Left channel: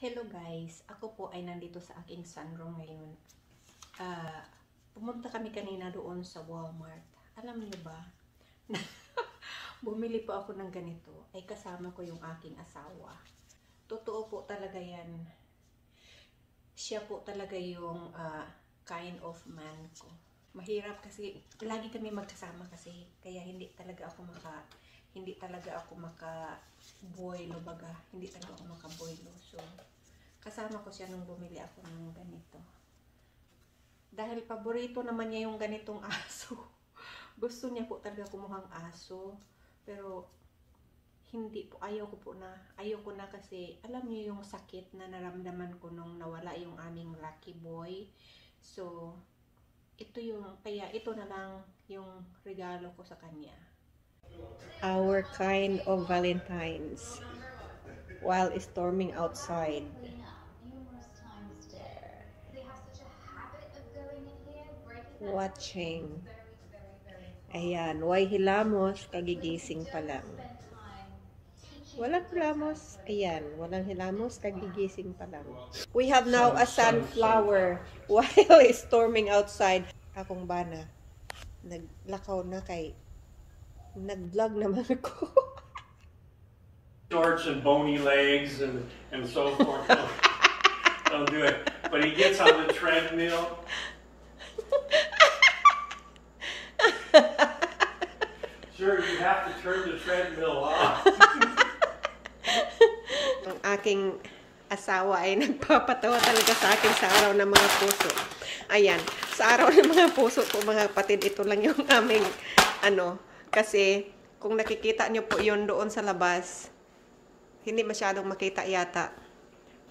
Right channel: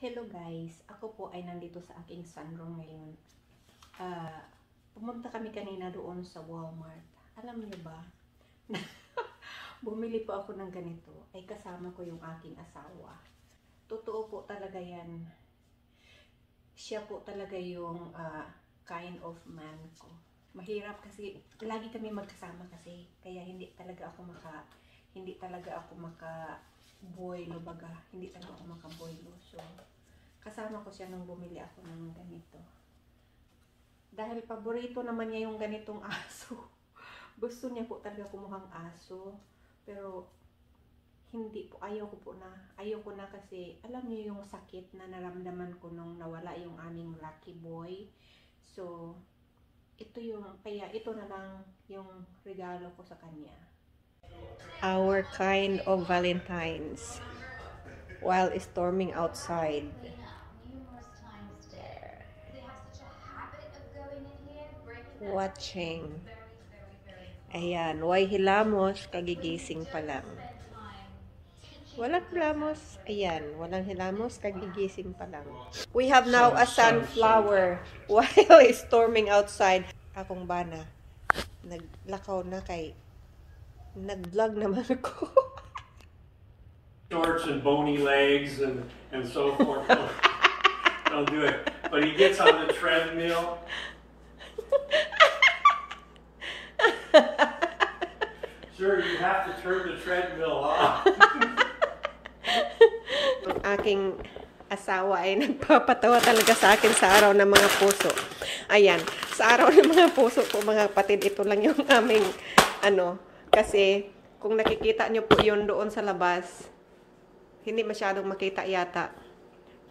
Hello guys, ako po ay nandito sa aking sunroom ngayon. Pumunta kami kanina doon sa Walmart. Alam niyo ba, bumili po ako ng ganito, ay kasama ko yung aking asawa. Totoo po talaga yan. Siya po talaga yung kind of man ko. Mahirap kasi, lagi kami magkasama kasi, kaya hindi talaga ako maka-boilo baga. Hindi talaga ako maka-boilo. So, kasama ko siya nung bumili ako ng ganito. Dahil paborito naman niya yung ganitong aso. Gusto niya po talaga kumuhang aso. Pero, hindi po. Ayaw ko na kasi, alam niyo yung sakit na naramdaman ko nung nawala yung aming lucky boy. So, kaya ito na lang yung regalo ko sa kanya. Our kind of Valentine's while storming outside. Watching. Ayan, why hilamos, kagigising pa lang. Walang hilamos. Ayan, walang hilamos, kagigising pa lang. We have now a sunflower while storming outside. Akong bana, naglakaw na kay nag-vlog naman ako. Shorts and bony legs and so forth. Don't do it. But he gets on the treadmill. Sir, you have to turn the treadmill off. Ang aking asawa ay nagpapatawa talaga sa akin sa araw ng mga puso. Ayan, sa araw ng mga puso po mga kapatid, ito lang yung aming kasi kung nakikita nyo po yun doon sa labas, hindi masyadong makita yata.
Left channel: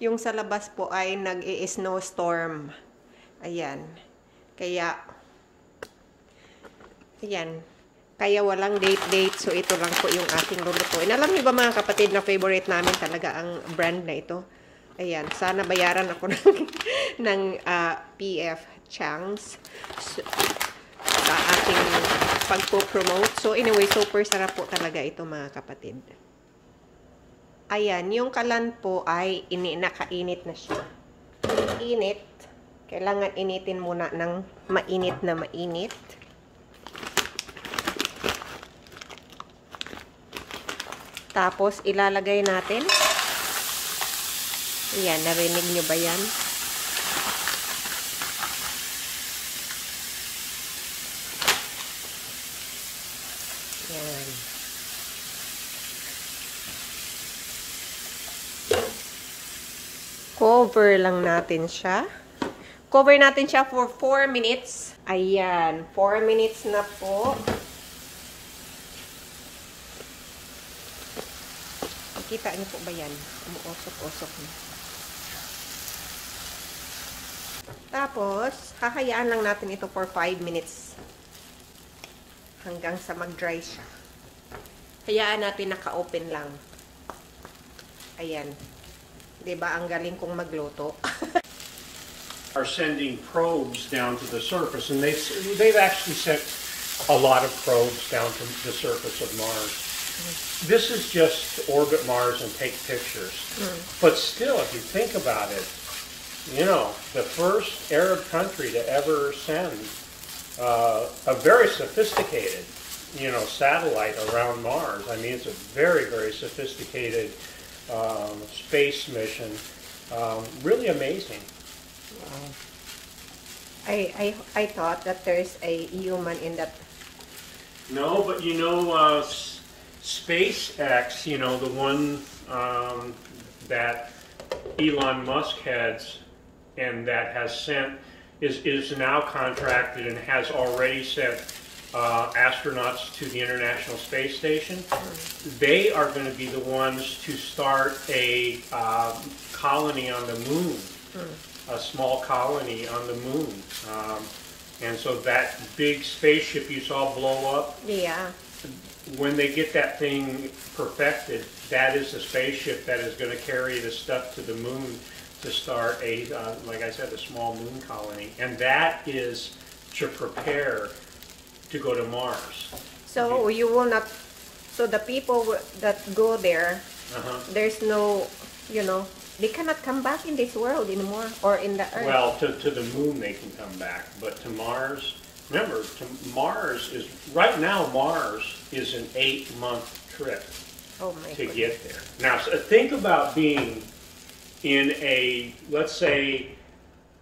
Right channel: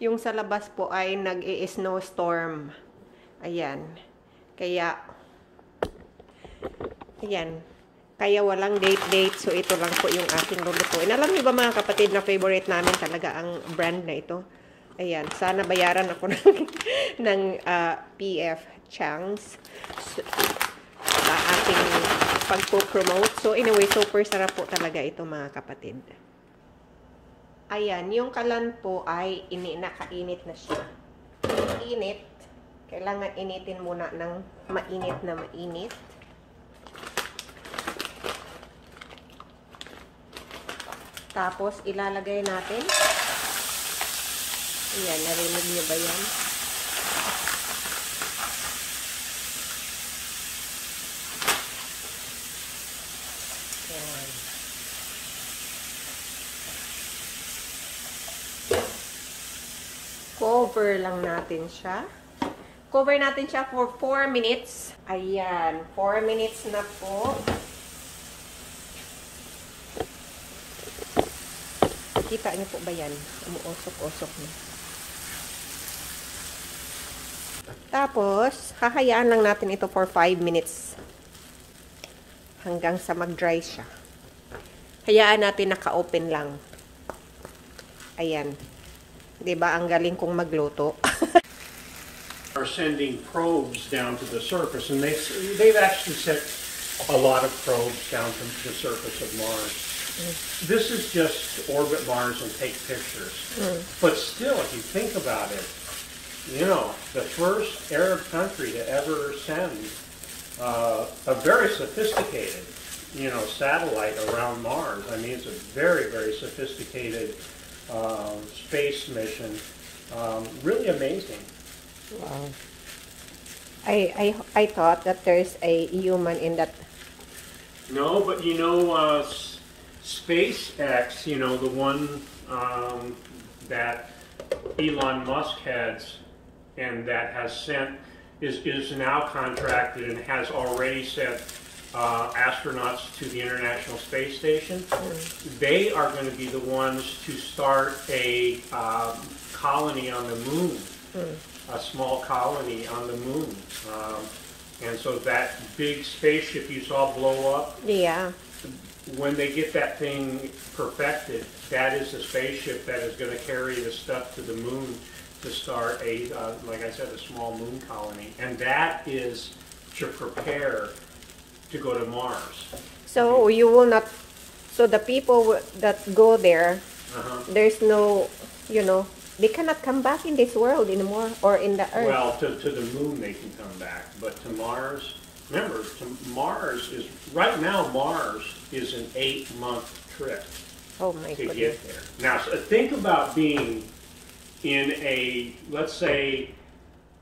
Yung sa labas po ay nag-i-snowstorm. Ayan. Kaya walang date. So, ito lang po yung aking lulutuin. Alam niyo ba mga kapatid na favorite namin talaga ang brand na ito? Ayan. Sana bayaran ako ng PF Chang's sa ating pagpo-promote. So, anyway, super sarap po talaga ito mga kapatid. Ayan. Yung kalan po ay nakainit na siya. Init. Kailangan initin muna ng mainit na mainit. Tapos, ilalagay natin. Ayan, narinig nyo ba yan? Ayan. Cover lang natin siya. Cover natin siya for 4 minutes. Ayan, 4 minutes na po. Kita niyo po ba yan? Umuusok-usok na. Tapos, hahayaan lang natin ito for 5 minutes. Hanggang sa mag-dry siya. Hayaan natin naka-open lang. Ayan. Diba, ang galing kong magluto. Are sending probes down to the surface, and they've actually sent a lot of probes down to the surface of Mars. This is just orbit Mars and take pictures. But still, if you think about it, you know, the first Arab country to ever send a very sophisticated, satellite around Mars. I mean, it's a very, very sophisticated space mission. Really amazing. Wow. I thought that there's a human in that. No, but SpaceX, the one that Elon Musk heads and that has sent, is now contracted and has already sent astronauts to the International Space Station. They are going to be the ones to start a colony on the moon, a small colony on the moon. And so that big spaceship you saw blow up, Yeah. when they get that thing perfected, that is the spaceship that is going to carry the stuff to the moon to start like I said, a small moon colony. And that is to prepare to go to Mars. So you will not. So the people that go there, there's no, They cannot come back in this world anymore, or in the Earth. Well, to the moon they can come back, but to Mars, remember, Mars is, right now Mars is an 8-month trip Oh my to goodness. get there. Now, so think about being in a, let's say,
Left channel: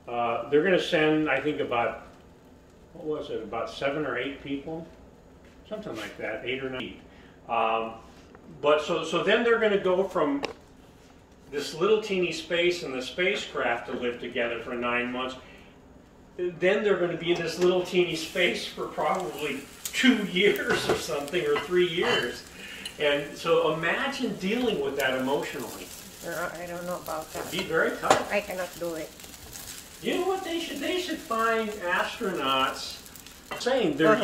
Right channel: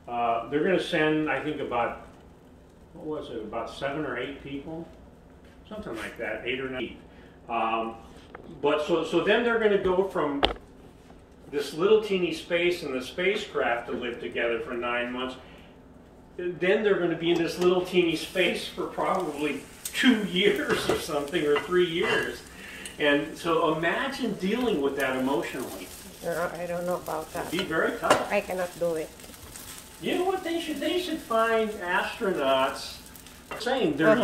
they're going to send, I think about, what was it, about 7 or 8 people? Something like that, 8 or 9. But so then they're going to go from this little teeny space and the spacecraft to live together for 9 months. Then they're going to be in this little teeny space for probably 2 years or something, or 3 years. And so imagine dealing with that emotionally. No, I don't know about that. It'd be very tough. I cannot do it. You know what they should? They should find astronauts. Saying they're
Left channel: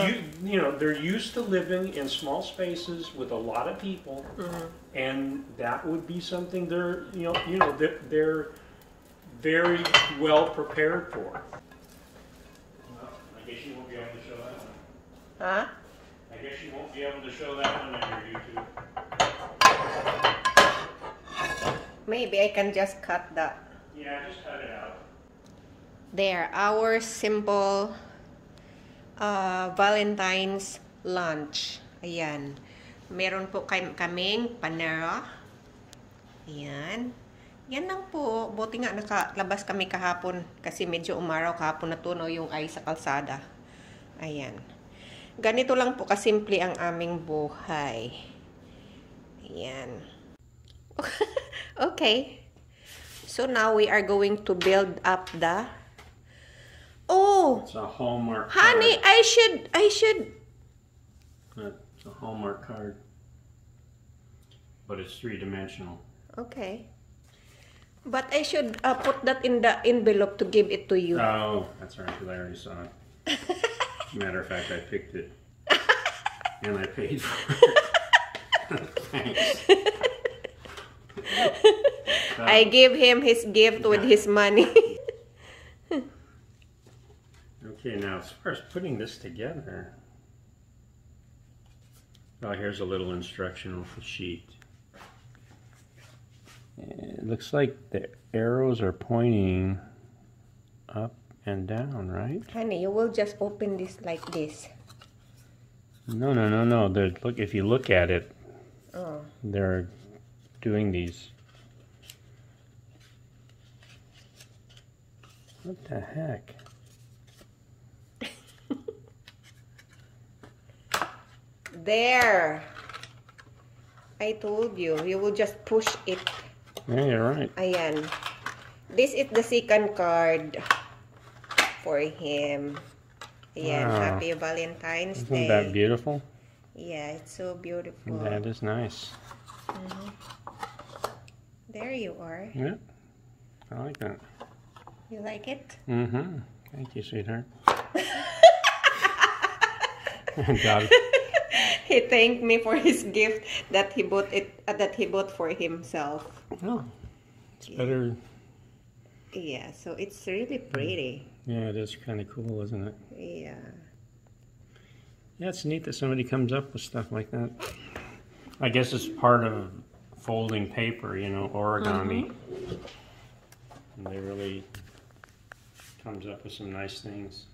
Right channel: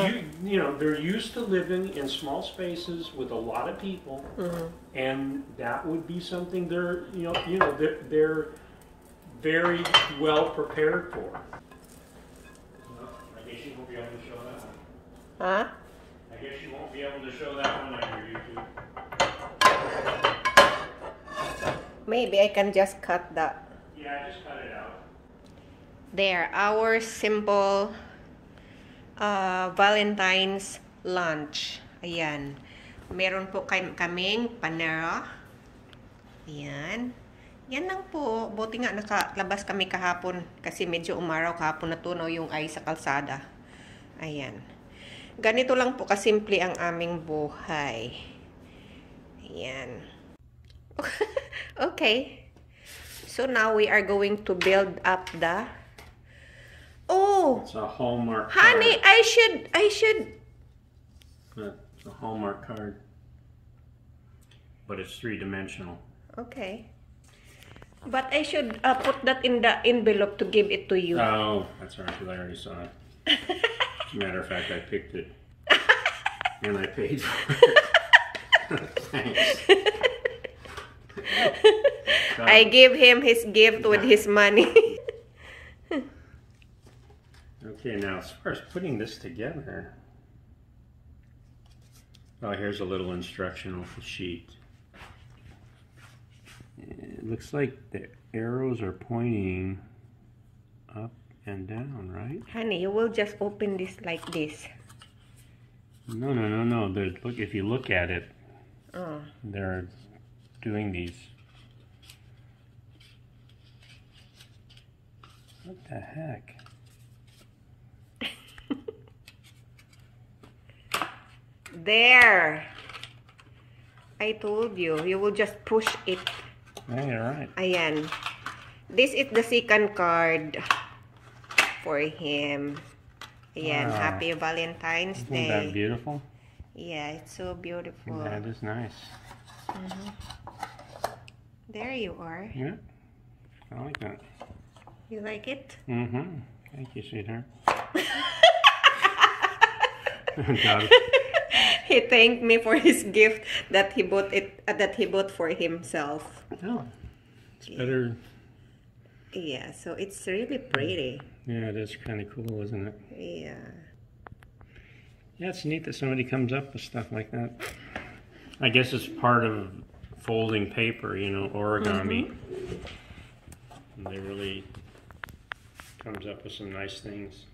they're used to living in small spaces with a lot of people, and that would be something they're they're very well prepared for. I guess you won't be able to show that one. Huh? I guess you won't be able to show that one on your YouTube. Maybe I can just cut that. Yeah, just cut it out. There, our simple Valentine's lunch. Ayan. Meron po kaming panera. Ayan. Yan lang po. Buti nga nakalabas kami kahapon kasi medyo umaraw kahapon, natunaw yung ice sa kalsada. Ayan. Ganito lang po kasimple ang aming buhay. Ayan. Okay. So now we are going to build up the... Oh! It's a Hallmark Honey, card. I should. It's a Hallmark card. But it's 3-dimensional. Okay. But I should put that in the envelope to give it to you. Oh, that's all right, because I already saw it. As a matter of fact, I picked it. And I paid for it. Thanks. I give him his gift with his money. Okay, now as far as putting this together, oh, here's a little instructional sheet. It looks like the arrows are pointing up and down, right? Honey, you will just open this like this. No. Look, if you look at it, they're doing these. What the heck? There. I told you. You will just push it. Yeah, you're right. Ayan. This is the second card for him. Ayan. Wow. Happy Valentine's Day. Isn't that beautiful? Yeah, it's so beautiful. That is nice. There you are. Yeah, I like that. You like it? Mm-hmm. Thank you, sweetheart. God. He thanked me for his gift that he bought for himself. Oh, it's better. Yeah, so it's really pretty. Yeah, it is kind of cool, isn't it? Yeah. Yeah, it's neat that somebody comes up with stuff like that. I guess it's part of folding paper, you know, origami. And they really comes up with some nice things.